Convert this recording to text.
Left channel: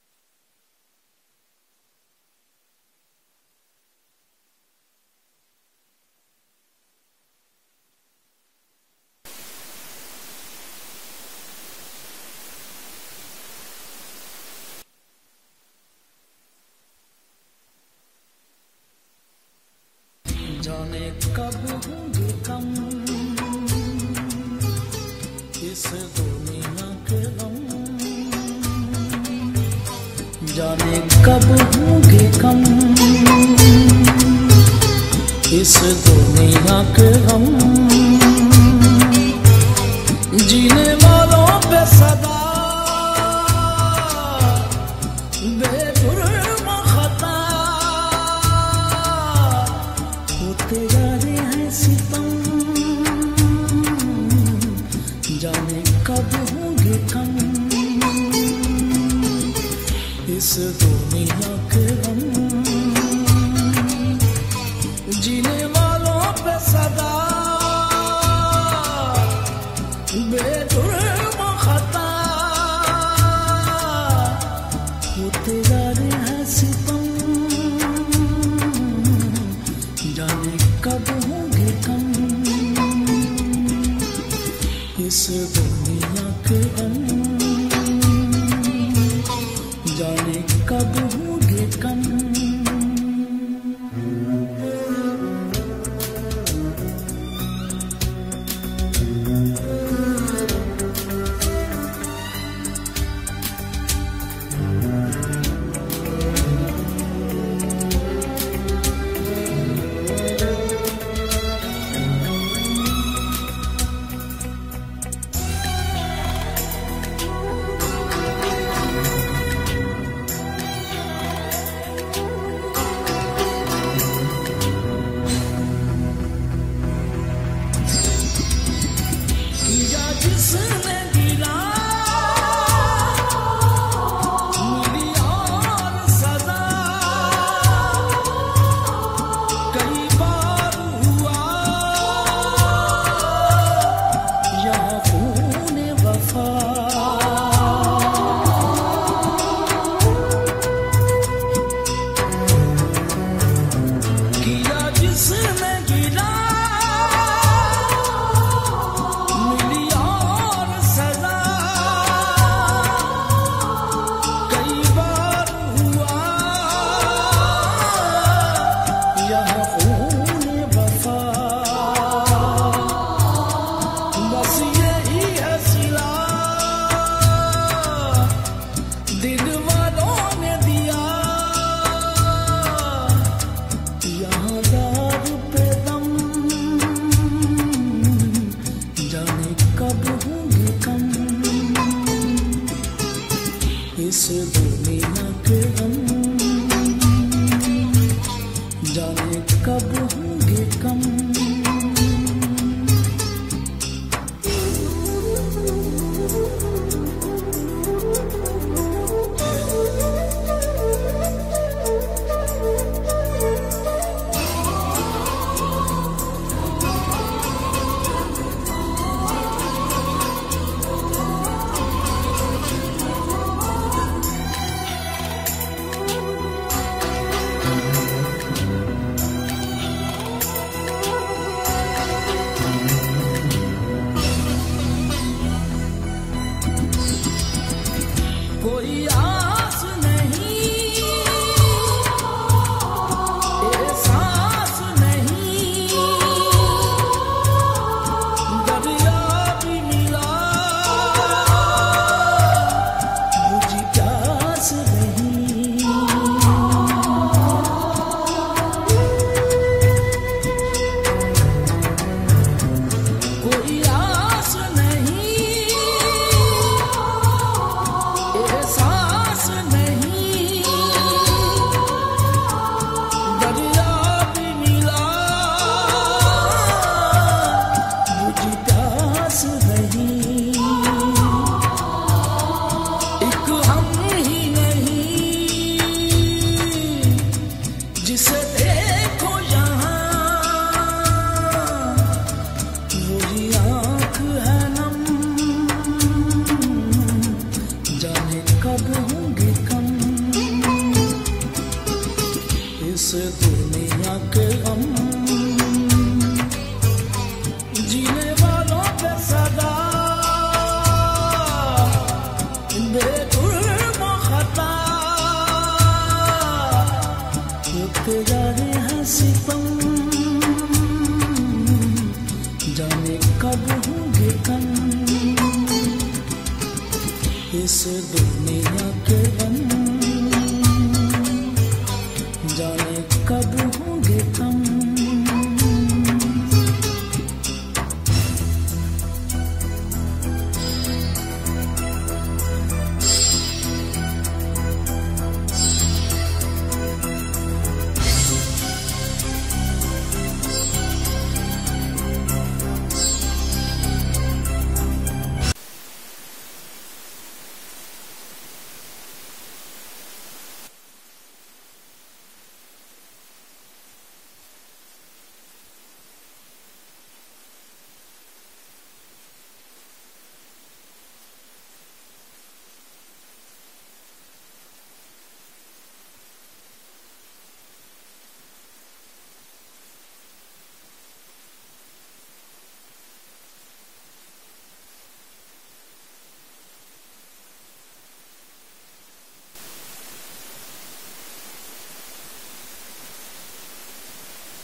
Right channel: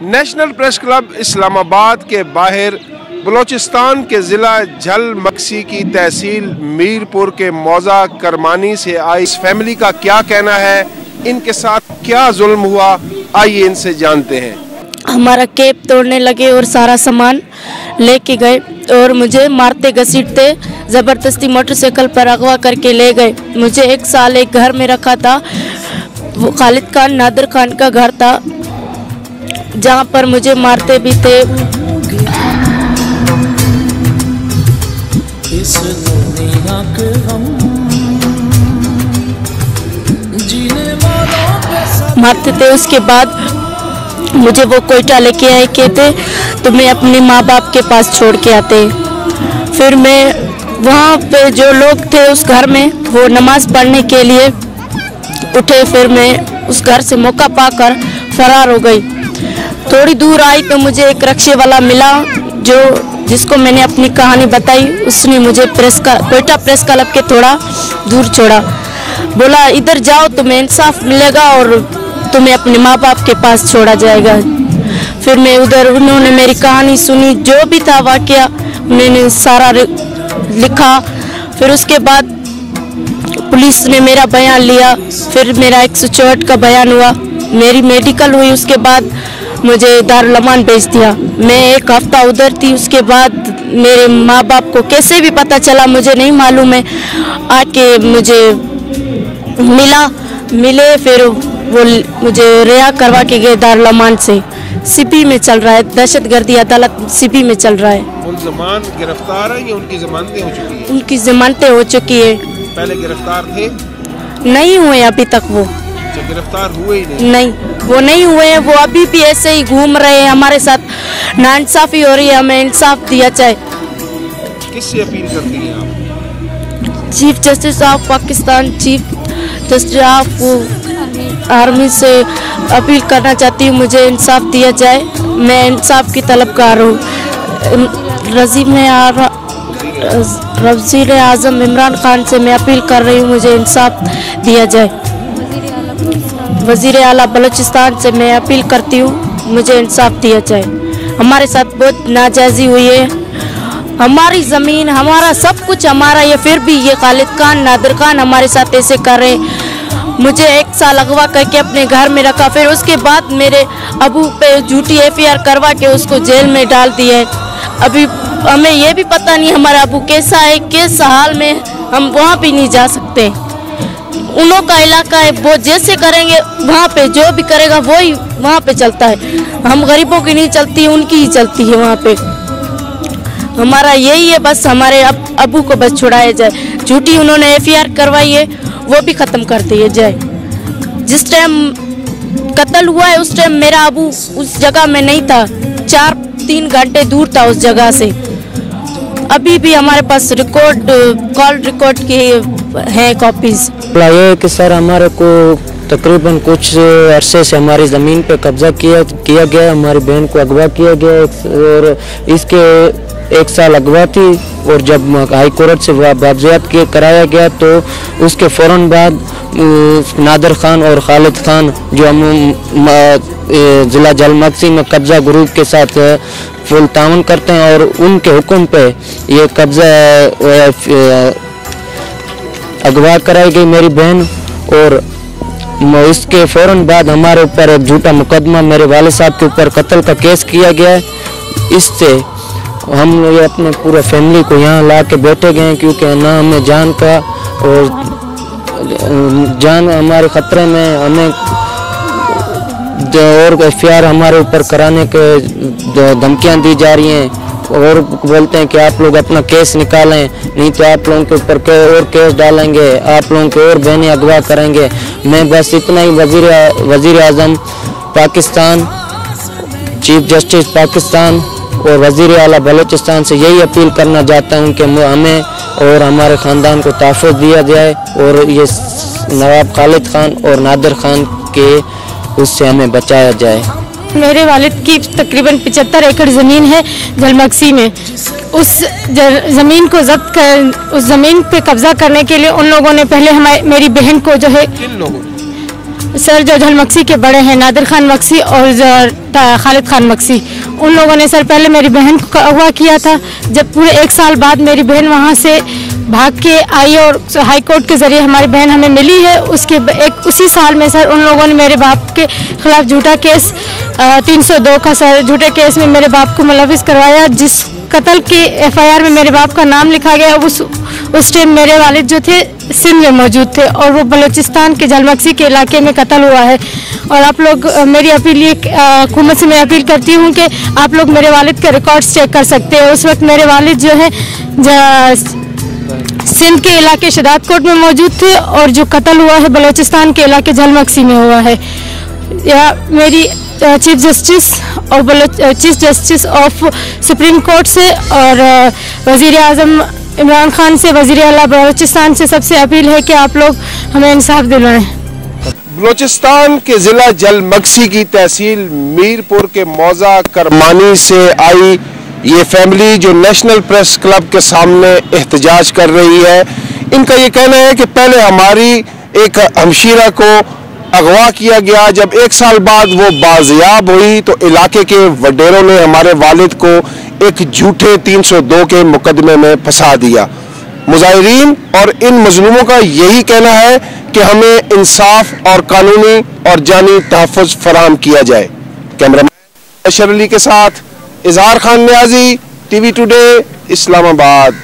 National press club Islamabad के बाहर बलोचिस्तान के ज़िला झलमक्सी की तहसील मीरपुर के मौजा करमानी से आई इस फैमिली का क्या कहना है, इनके साथ क्या जुल्म हुआ, आइए इनसे जानते हैं। हमारा केप तोड़ने लगे और सारा सामान लेके गए और मुझे मारते घसीटते ज़बरदस्ती मोटरसाइकिल पर अगवा करके ले गए। मुझे 1 साल एक घर में रखा था, वो खालिद खान नादिर खान का घर था, जहाँ पर मुझे मारते भी थे। इस दुनिया के हम जीने वालों पे मारते थे। उसके बाद मुझे वो कोयटा लेके आए, कहते तुम्हें अपने माँ बाप के पास छोड़ के आते। फिर मैं वहाँ पे जो लोग थे उस घर में, वो नमाज पढ़ने के लिए उठे। फिर मैं उस घर से मौका पाकर फरार हो गई। थोड़ी दूर आई तो मुझे एक रिक्शे वाला मिला, जिसको मैंने अपनी कहानी बताई। उसने मुझे कोयटा प्रेस क्लब के थोड़ा दूर छोड़ा, बोला इधर जाओ तुम्हें इंसाफ मिलेगा और तुम्हें अपने माँ बाप के पास छोड़ा जाएगा। फिर मैं उधर, उन्होंने मेरी कहानी सुनी, जो भी था वाकया मैंने सारा लिखा। फिर उसके बाद पुलिस ने मेरा बयान लिया, फिर मेरा 164 का बयान हुआ, मेरी मेडिकल हुई। उसके बाद मुझे दारुल अमान भेज दिया। मैं 1 हफ्ता उधर थी। उसके बाद मेरे माँ बाप को कैसे भी पता चला मुझे नहीं मालूम है, आके मुझे मिले। फिर वो मुझे रिहा करवा के गए दारुल अमान से। सीपी में चल रहा है, दहशतगर्दी अदालत सीपी में चल रहा है। गिरफ्तार है कि उनकी जमानतें हो चुकी है? उनकी जमानतें हो चुकी है। पहले गिरफ्तार थे? नहीं हुए अभी तक। वो गिरफ्तार हुए ही नहीं, वो नहीं हुए हैं। वो अभी भी ऐसे ही घूम रहे हैं, हमारे साथ नाइंसाफी हो रही है। हमें इंसाफ दिया जाए। किससे अपील करती हैं आप? Chief justice of Pakistan, chief justice of army से अपील करना चाहती हूँ, मुझे इंसाफ दिया जाए। मैं इंसाफ की तलबगार हूँ। वज़ीर आज़म इमरान खान से मैं अपील कर रही हूँ, मुझे इंसाफ दिया जाए। वज़ीर आला बलूचिस्तान से मैं अपील करती हूँ, मुझे इंसाफ दिया जाए। हमारे साथ बहुत नाजायज़ी हुई है। हमारी ज़मीन, हमारा सब कुछ हमारा, ये फिर भी ये खालिद खान नादिर खान हमारे साथ ऐसे कर रहे हैं। मुझे 1 साल अगवा करके अपने घर में रखा, फिर उसके बाद मेरे अबू पे झूठी FIR करवा के उसको जेल में डाल दिए। अभी हमें ये भी पता नहीं हमारा अबू कैसा है, किस हाल में, हम वहाँ भी नहीं जा सकते। उन्हों का इलाका है, वो जैसे करेंगे वहाँ पे, जो भी करेगा वही वहाँ पे चलता है। हम गरीबों की नहीं चलती, उनकी ही चलती है वहाँ पे। हमारा यही है बस, हमारे अबू को बस छुड़ाया जाए। झूठी उन्होंने FIR करवाई है, वो भी ख़त्म कर दिए जाए। जिस टाइम कत्ल हुआ है उस टाइम मेरा अबू उस जगह में नहीं था, 4-3 घंटे दूर था उस जगह से। अभी भी हमारे पास कॉल रिकॉर्ड की है कॉपीज। ये कि सर हमारे को तकरीबन कुछ अरसे से हमारी ज़मीन पे कब्जा किया गया, हमारी बहन को अगवा किया गया और इसके 1 साल अगवा थी। और जब हाई कोर्ट से बाज़ियात कराया गया तो उसके फ़ौरन बाद नादिर खान और खालिद खान जो ज़िला झलमक्सी में कब्जा ग्रुप के साथ फुल ताउन करते हैं और उनके हुक्म पे ये कब्जा अगवा कराई गई मेरी बहन। और इसके फ़ौरन बाद हमारे ऊपर एक झूठा मुकदमा मेरे वाले साहब के ऊपर कत्ल का केस किया गया है। इससे हम ये अपने पूरे फैमिली को यहाँ ला के बैठे गए हैं, क्योंकि ना हमें जान का और जान हमारे ख़तरे में, हमें और FIR हमारे ऊपर कराने के धमकियाँ दी जा रही हैं और बोलते हैं कि आप लोग अपना केस निकालें, नहीं तो आप लोगों के ऊपर और केस डालेंगे, आप लोगों को और बहनें अगवा करेंगे। मैं बस इतना ही वज़ीर आज़म पाकिस्तान, चीफ जस्टिस पाकिस्तान और वज़ीर आला बलूचिस्तान से यही अपील करना चाहता हूँ कि हमें और हमारे ख़ानदान को तहफ़्फ़ुज़ दिया जाए और ये नवाब खालिद खान और नादिर खान के उससे हमें बचाया जाए। मेरे वालिद की तकरीबन 75 एकड़ ज़मीन है झलमक्सी में। उस ज़मीन को जब्त कर, उस ज़मीन पे कब्जा करने के लिए उन लोगों ने पहले मेरी बहन को जो है सर जो झलमक्सी के बड़े हैं नादिर खान मक्सी और खालिद खान मक्सी, उन लोगों ने सर पहले मेरी बहन को अगवा किया था। जब पूरे 1 साल बाद मेरी बहन वहाँ से भाग के आई और हाई कोर्ट के ज़रिए हमारी बहन हमें मिली है, उसी साल में सर उन लोगों ने मेरे बाप के खिलाफ झूठा केस 302 का सर झूठे केस में मेरे बाप को मुलविस करवाया, जिस कत्ल के FIR में मेरे बाप का नाम लिखा गया। उस टाइम मेरे वालिद जो थे सिंध में मौजूद थे और वो बलूचिस्तान के झलमक्सी के इलाके में कत्ल हुआ है। और आप लोग मेरी अपील ये हुकूमत से मैं अपील करती हूँ कि आप लोग मेरे वालिद के रिकॉर्ड्स चेक कर सकते हैं। उस वक्त मेरे वालिद जो है सिंध के इलाके शदात कोट में मौजूद थे और जो कत्ल हुआ है बलूचिस्तान के इलाके झलमक्सी में हुआ है। या मेरी chief justice of supreme court से और वज़ीर आज़म इमरान खान से, वज़ीर आला बलूचिस्तान से सबसे अपील है कि आप लोग हमें इंसाफ दिलवाएं। बलूचिस्तान के ज़िला झलमक्सी की तहसील मीरपुर के मौजा करमानी से आई ये फैमिली जो नेशनल प्रेस क्लब के सामने एहतजाज कर रही है, इनका ये कहना है कि पहले हमारी एक हमशीरा को अगवा किया गया, जब 1 साल बाद वो बाजियाब हुई तो इलाके के वडेरों ने हमारे वालिद को एक झूठे 302 के मुकदमे में फंसा दिया। मुजाहिरीन और इन मजलूमों का यही कहना है कि हमें इंसाफ और कानूनी और जानी तहफ़्फ़ुज़ फराहम किया जाए। कैमरामैन अशर अली के साथ इजहार खान न्याजी, TV टुडे, इस्लामाबाद।